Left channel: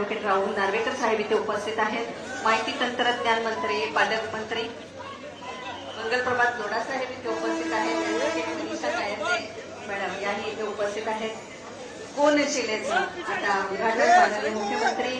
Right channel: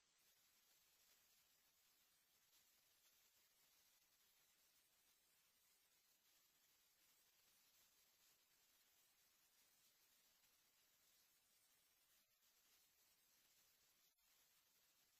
Advocate Rahul Narvekar साहेब इथे उपस्थित आहेत. माहिती तंत्रज्ञान मंत्री, पालकमंत्री मंगलप्रभात लोढा साहेब इथे उपस्थित आहेत. ॲडव्होकेट मनीषा कायंदे मॅडम याही इथे उपस्थित आहेत. कोनशिलेचं आता उद्घाटन माननीय मुख्यमंत्री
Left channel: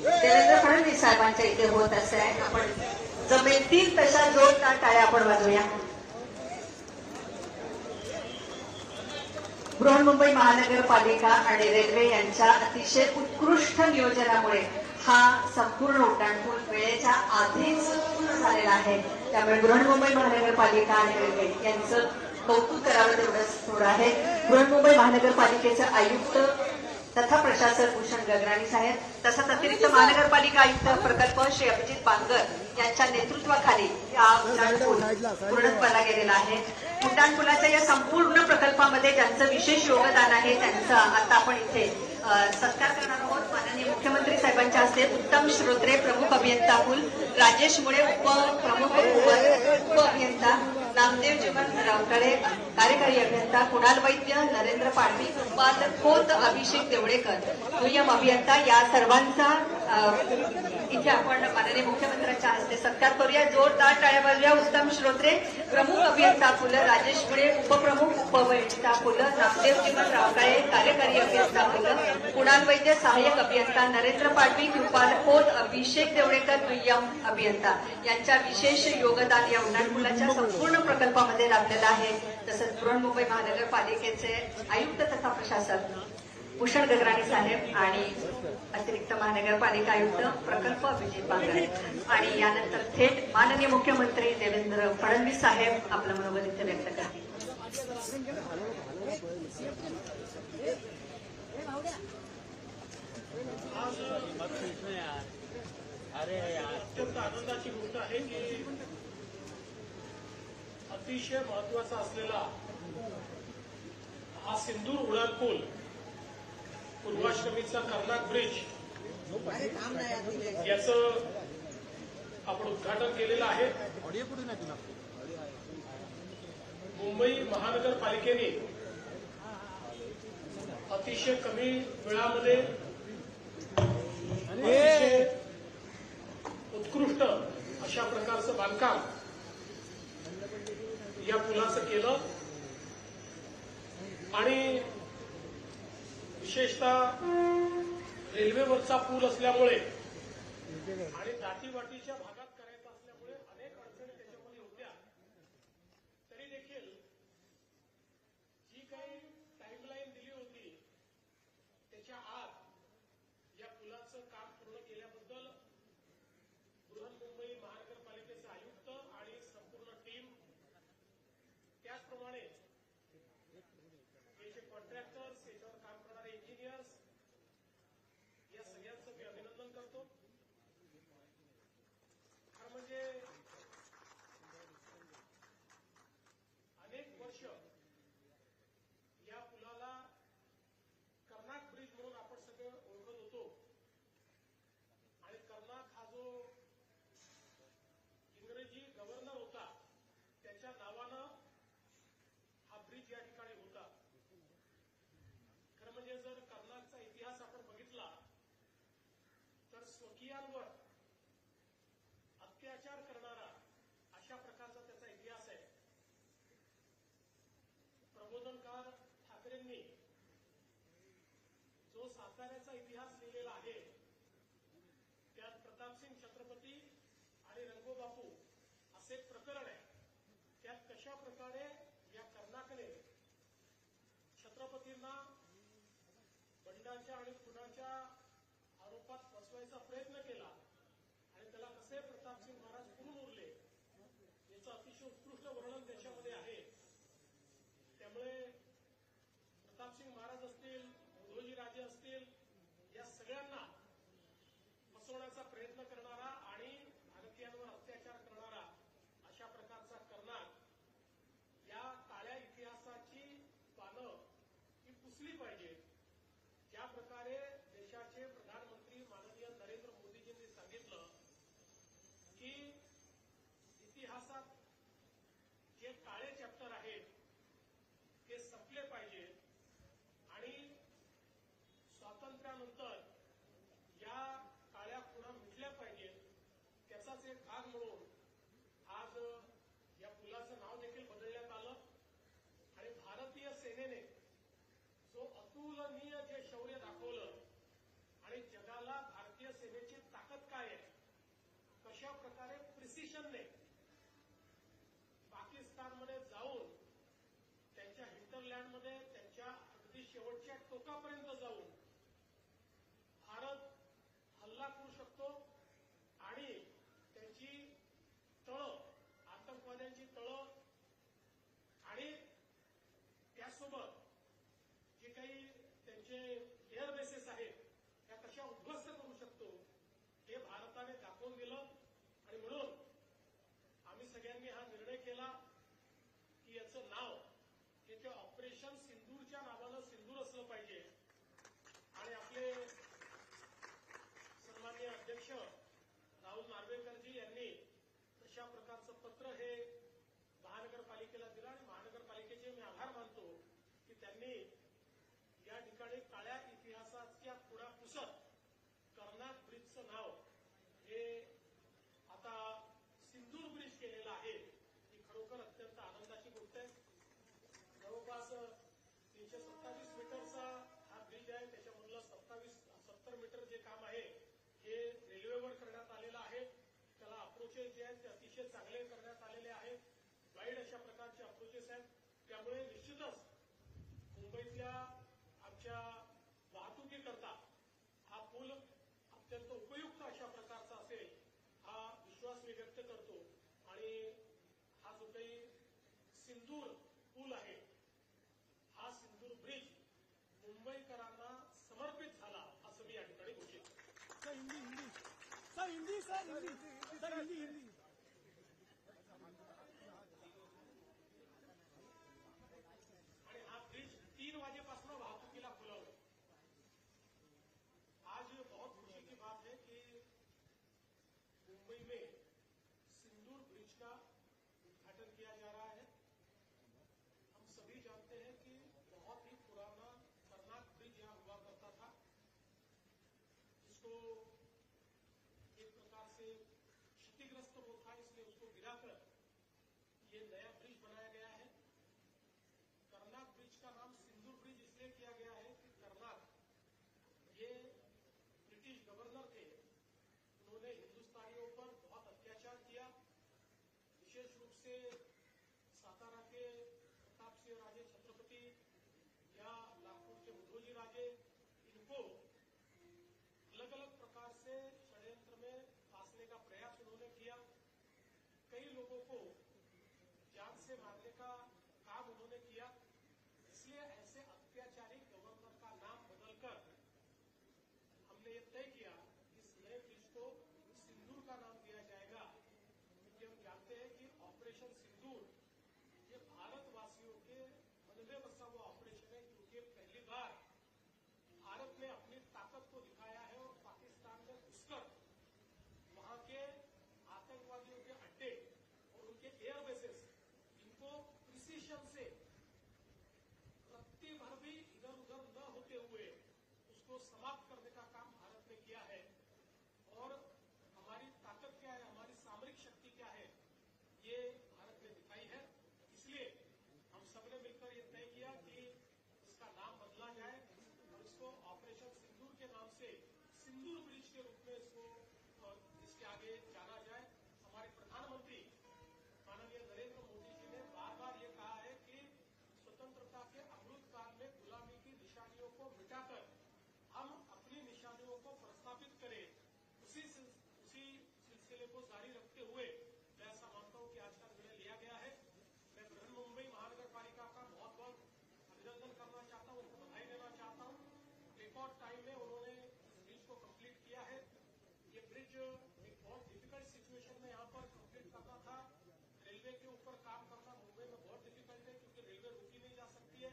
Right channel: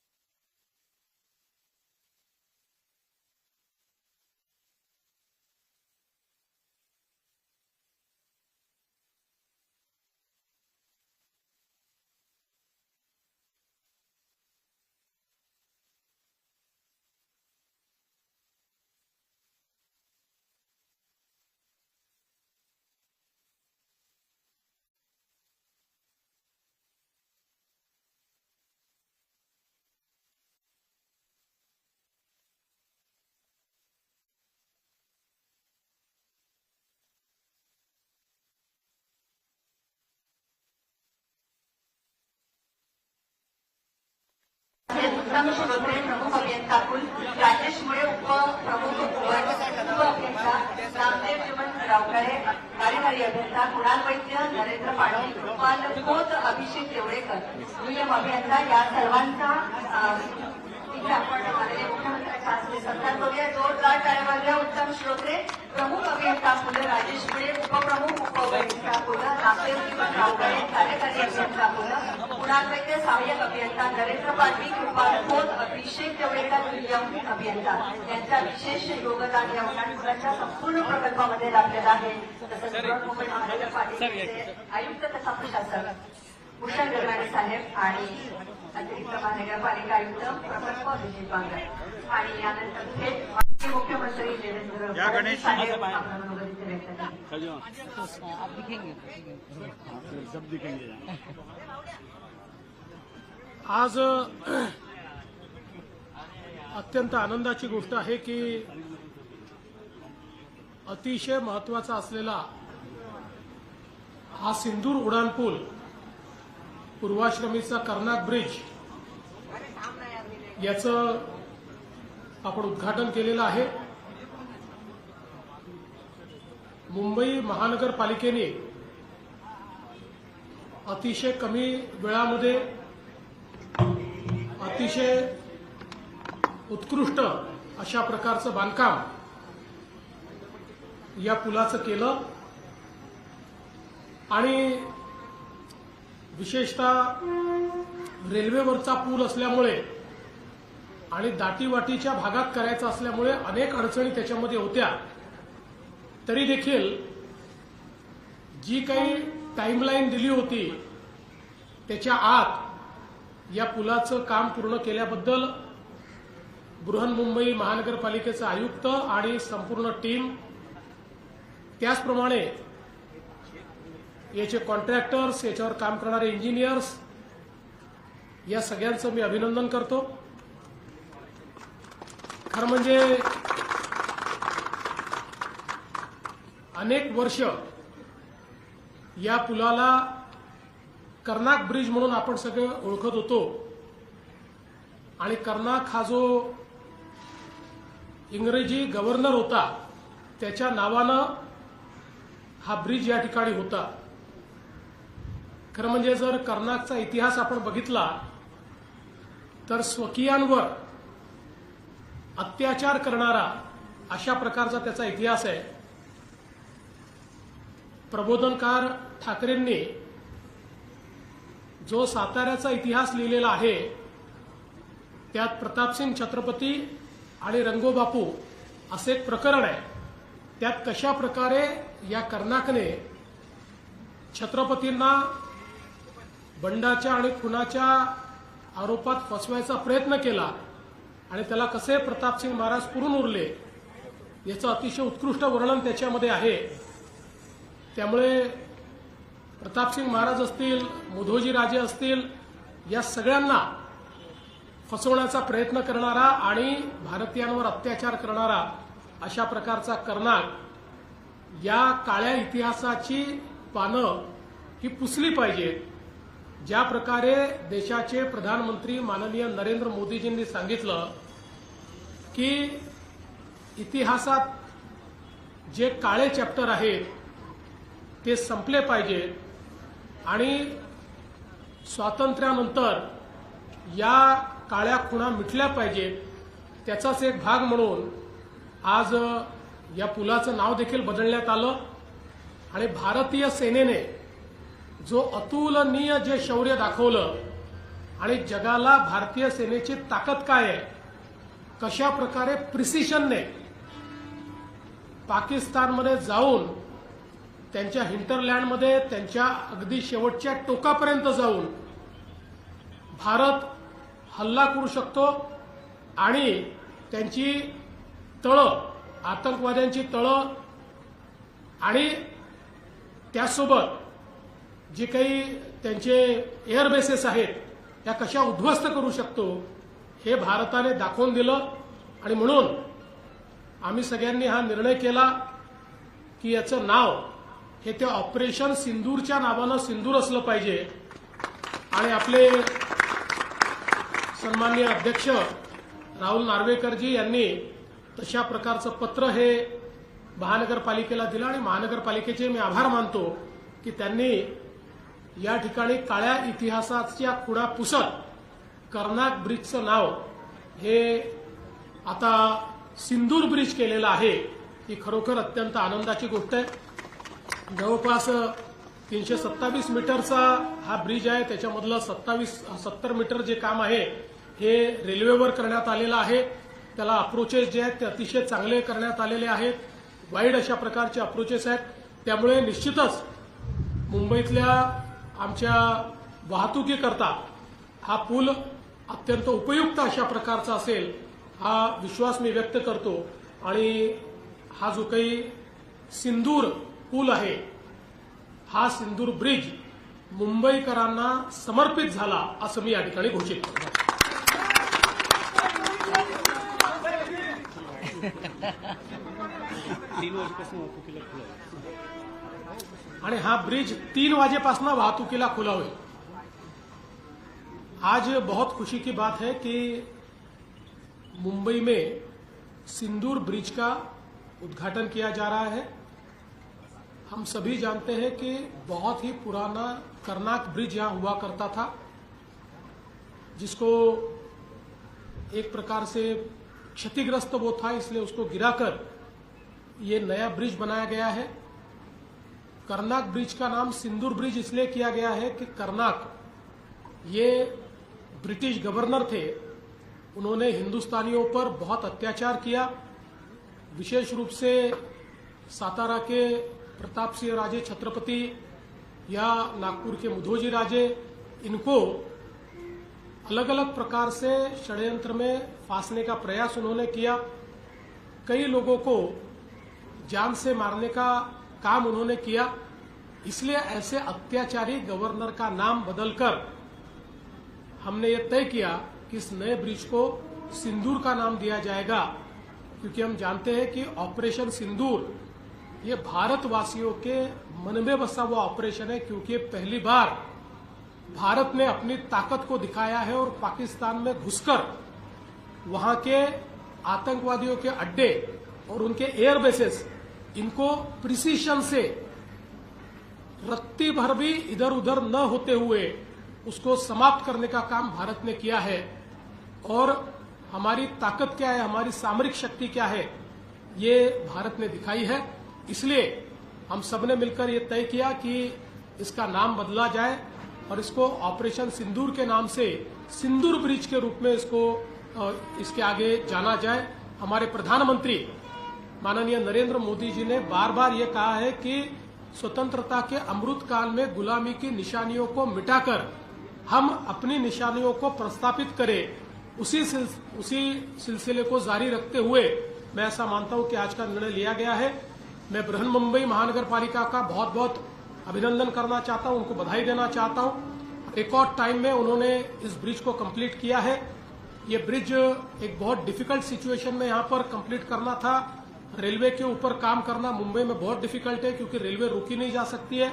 देवेंद्र फडणवीस साहेबांच्या इथे होत असे आहे. आपण जमेतील तशा जोरदार टाळ्या आपण वाजवूया. बृहन्मुंबई महानगरपालिका आणि रेल्वे यांच्या अतिशय उत्कृष्ट नियोजनामुळे हा संपूर्ण उड्डाणपूल वेळेच्या आधीच पूर्ण झालेला आहे. त्यामुळे बृहन्मुंबई महानगरपालिका आणि रेल्वे यांचं कौतुक करावं तेवढंच थोडं आहे. बृहन्मुंबई महानगरपालिकेचे आयुक्त तथा प्रशासक भूषण गगराणी साहेब, तसंच अतिरिक्त महानगरपालिका आयुक्त प्रकल्प श्री अभिजित बांगर यांच्या नेतृत्वाखाली हा उड्डाणपूल पूर्णत्वाला गेलेला आहे. उड्डाणपुलाच्या या संपूर्ण प्रकल्पामध्ये ज्यांचं विशेष योगदान आहे त्यांचा आता आपण इथे सत्कार करणार आहोत. माननीय मुख्यमंत्री साहेबांच्या हस्ते उत्तम श्रोत्रे प्रमुख अभियंता पूल, राजेश मुळे उपप्रमुख अभियंता, रामदेव जीवन रावकाळे कार्यकारी अभियंता, कुणाल वैद्य, नरेंद्र पाडवी, पालखोत अभिषेक देवडेकर दुय्यम अभियंता या सर्वांचा इथे आपण माननीय मुख्यमंत्र्यांच्या हस्ते सत्कार करूया. जोरदार टाळ्या वाजवूया. उत्तम श्रोत्रे प्रमुख अभियंता फुल, राजेश मुळे उपप्रमुख उपअभियंता फुल, रामदेव जीवन रावकाळे कार्यकारी अभियंता फुल, कुणाल वैद्य सहाय्यक अभियंता, नरेंद्र पाडवी कृपालखोत अभिषेक देवडेकर दुय्यम अभियंता यांच्या विशेष योगदान या उड्डाणपुलाच्या संपूर्ण प्रकल्पामध्ये लाभलेलं आहे. तसंच बृहन्मुंबई महानगरपालिकेचे आयुक्त तथा प्रशासक भूषण गगराणी साहेब आणि अतिरिक्त महानगरपालिका आयुक्त प्रकल्प अभिजित बांगर आणि यानंतर थेट माननीय मुख्यमंत्री देवेंद्र फडणवीस साहेब आपल्या बरोबर इथे व्यक्त करतील. आज अत्यंत आनंदाची गोष्ट आहे की अतिशय महत्वाचा असलेला हा सिंदूर उड्डाणपूल पूर्वाश्रमीचा कर्नाक ब्रिज याचं आपण उद्घाटन केलेलं आहे. मुंबई महानगरपालिकेने अतिशय कमी वेळामध्ये अतिशय उत्कृष्ट अशा प्रकारचं बांधकाम या पुलाचं केलं आणि विशेषतः रेल्वेवरचा पूल असल्यामुळे आणि दाटीवाटीच्या भागात करायचा असल्यामुळे अनेक अडचणी त्याच्यामध्ये होत्या. तरी देखील जी काही टाइमलाईन दिली होती त्याच्या आत या पुलाचं काम पूर्ण केल्याबद्दल बृहन्मुंबई महानगरपालिकेचे आयुक्त आणि संपूर्ण टीम, त्याचप्रमाणे याचे कॉन्ट्रॅक्टर्स, याच्यावर काम करणारे इंजिनियर्स, या सगळ्यांचं मी अभिनंदन करतो. खरं म्हणजे अनेक वर्ष या पुलाला कर्नाक ब्रिज म्हणून आपण सगळे ओळखत होतो आणि कर्नाक हा जो इंग्रजी गव्हर्नर होता त्याच्या नावानं हा ब्रिज या ठिकाणी होता. खरं म्हणजे जर कर्नाकचा इतिहास आपण बघितला तर स्वकीयांवर अत्याचार करणारा अशा प्रकारचा त्याचा इतिहास आहे. प्रबोधनकार ठाकरेंनी जो साताऱ्याचा इतिहास लिहिलेला आहे त्यात प्रतापसिंग छत्रपती आणि रंगोबापू असे एक प्रकरण आहे. त्यात कशा प्रकारे या कर्नाकने छत्रपतींना बंडाच्या आणि खुनाच्या आरोपात फसवायचा प्रयत्न केला आणि त्याला कसे प्रतापसिंग महाराज पुरून उरले याचं अतिशय उत्कृष्ट वर्णन त्याच्यामध्ये आहे. त्यामुळे प्रतापसिंग महाराज असतील, मुधोजी राजे असतील, या सगळ्यांना फसवण्याचा प्रयत्न करणारा आणि भारतीयांवर अत्याचार करणारा अशा प्रकारचा कर्नाक या काळ्या इतिहासाची पानं ही पुसली पाहिजेत. ज्या प्रकारे देशाचे प्रधानमंत्री माननीय नरेंद्र मोदीजींनी सांगितलं की इतिहासात जे काळे चॅप्टर आहेत ते संपले पाहिजेत आणि स्वातंत्र्यानंतर या काळ्या खुणा मिटल्या पाहिजेत, त्याचाच एक भाग म्हणून आज या पुलाचं नाव देखील बदलण्यात आलं आणि भारतीय सेनेने जो अतुलनीय जे शौर्य दाखवलं आणि जगाला भारतीय सेनेची ताकद काय आहे, कशा प्रकारे प्रिसिशनने पाकिस्तानमध्ये जाऊन त्यांच्या हिंटरलँडमध्ये त्यांच्या अगदी शेवटच्या टोकापर्यंत जाऊन भारत हल्ला करू शकतो आणि त्यांची तळं, आतंकवाद्यांची तळं आणि त्यासोबत जे काही त्यांचे एअर बेसेस आहेत या कशा उद्ध्वस्त करू शकतो हे भारताने दाखवून दिलं आणि म्हणून आम्ही सगळ्यांनी हा निर्णय केला की याचं नाव हे ते ऑपरेशन सिंदूरच्या नावानं सिंदूर असलं पाहिजे आणि आपले सन्माननीय अध्यक्ष राहुल नार्वेकरजी यांनी तशा प्रकारचं पत्र हे महानगरपालिकेला दिलं आणि महानगरपालिकेचे मी आभार मानतो की त्यांनी या ठिकाणी काळ्या इतिहासाच्या खुणा पुसत कर्नाक ब्रिजचं नाव हे आता सिंदूर ब्रिज केलेलं आहे, ही खरोखर अत्यंत आनंदाची गोष्ट आहे. जवळपास 327 मीटरचा हा ब्रिज आहे, त्याच्यामधलं 70 मीटर जे काम आहे हे रेल्वेवर करण्यात आलेलं आहे. त्याला अप्रोचेस जे आहेत ते अतिशय चांगले करण्यात आलेले आहेत, वाईड अशा प्रकारचे अप्रोचेस आहेत. त्यामुळे निश्चितच मुंबईतल्या आमच्या वाहतुकीकरता हा पूल अत्यंत उपयुक्त अशा प्रकारचा असेल हा विश्वास मी व्यक्त करतो आणि हा जो काही सिंदूर पूल आहे हा सिंदूर ब्रिज मुंबईकरांना समर्पित झाला असं मी या ठिकाणी घोषित करतो. आणि हा ब्रिज 3 वाजेपासून वाहतुकीला खुला होईल. आज बहुत खुशी की बात है कि मुंबई में सिंदूर ब्रिज का उद्घाटन किया जा रहा है. हम सभी जानते हैं कि बहुत ही पुराना कर्नाक ब्रिज यहां हुआ करता था, जिसको एक प्रकार से क्षतिग्रस्त वो था, इसलिए उसको गिराकर ये नया ब्रिज बनाया गया है. कर्नाक ब्रिज का नाम सिंदूर ब्रिज इसलिए किया गया है कि कर्नाक ये ब्रिटिश गवर्नर थे, उन्होंने हिंदुस्तानियों पर बहुत अत्याचार किया. विशेष रूप से सातारा के प्रताप सिंह राजे छत्रपति या नागपुर के मुधोजी राजे, इनको अलग अलग प्रकार से षड्यंत्र में फांसने का प्रयास उन्होंने किया. कई लोगों को जान से मारने का काम उन्होंने किया. इसलिए ऐसे अत्याचारी गवर्नर का नाम बदलकर हमने ये तय किया कि इस नए ब्रिज को सिंदूर का नाम दिया जाएगा, क्योंकि हम जानते हैं कि ऑपरेशन सिंदूर ये भारतवासियों के मन में बसा हुआ ऑपरेशन है, क्योंकि पहली बार भारत ने अपनी ताकत को दिखाया है और पाकिस्तान में घुसकर वहां के आतंकवादियों के अड्डे और उनके एयर बेसेस इनको प्रिसीशन से रत्ती भर भी इधर उधर न होते हुए उसको समाप्त करने का काम भारत ने किया है. और हमारी ताकत क्या है, हमारी सामरिक शक्ति क्या है, ये भारत ने दिखाई है. इसलिए हम सबने मिलकर ये तय किया कि इसका नाम बदला जाए और इसको ऑपरेशन सिंदूर के नाम से सिंदूर ब्रिज के रूप में इसके आगे जाना जाए. हमारे प्रधानमंत्री माननीय नरेंद्र मोदी जी ने बार बार ये कहा है कि स्वतंत्रता के अमृत काल में गुलामी की निशानियों को मिटाकर हम अपनी निशानियों को प्रस्थापित करें. उसी सिलसिले को जारी रखते हुए मैं ऐसा मानता हूं कि आज का निर्णय लिया गया है. मैं बृहन मुंबई महानगर पालिका का बहुत बहुत अभिनंदन करना चाहता हूं, उनको बधाई देना चाहता हूं. रिकॉर्ड टाइम में उन्होंने इस ब्रिज को कंप्लीट किया है. ये ब्रिज एक बहुत डिफिकल्ट सिचुएशन में यहाँ पर कंप्लीट करना था. रेलवे के ऊपर काम करना मुंबई में बहुत डिफिकल्ट है, क्योंकि रेलवे रुकी नहीं जा सकती है.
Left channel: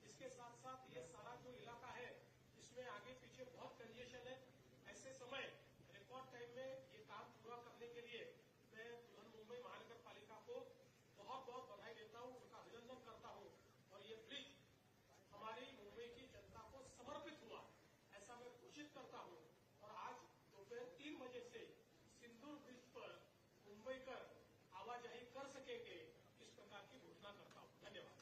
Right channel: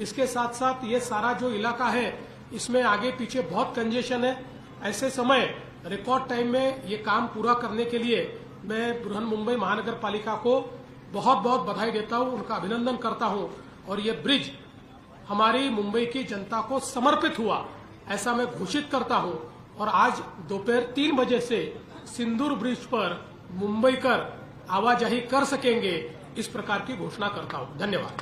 इसके साथ साथ ये सारा जो इलाका है इसमें आगे पीछे बहुत कंजेशन है. ऐसे समय रिकॉर्ड टाइम में ये काम पूरा करने के लिए मैं बृहन मुंबई महानगर पालिका को बहुत बहुत बधाई देता हूं, उनका अभिनंदन करता हूं. और ये ब्रिज हमारी मुंबई की जनता को समर्पित हुआ ऐसा मैं घोषित करता हूं. और आज दोपहर 3 बजे से सिंदूर ब्रिज पर मुंबईकर आवाजाही कर सकेंगे, इस प्रकार की घोषणा करता हूं। धन्यवाद।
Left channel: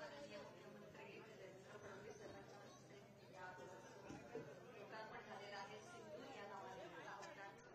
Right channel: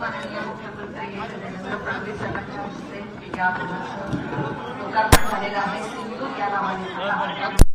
माननीय मुख्यमंत्री देवेंद्र फडणवीस यांच्या हस्ते या लोकार्पण झालेलं आहे। सिंधू या नावाने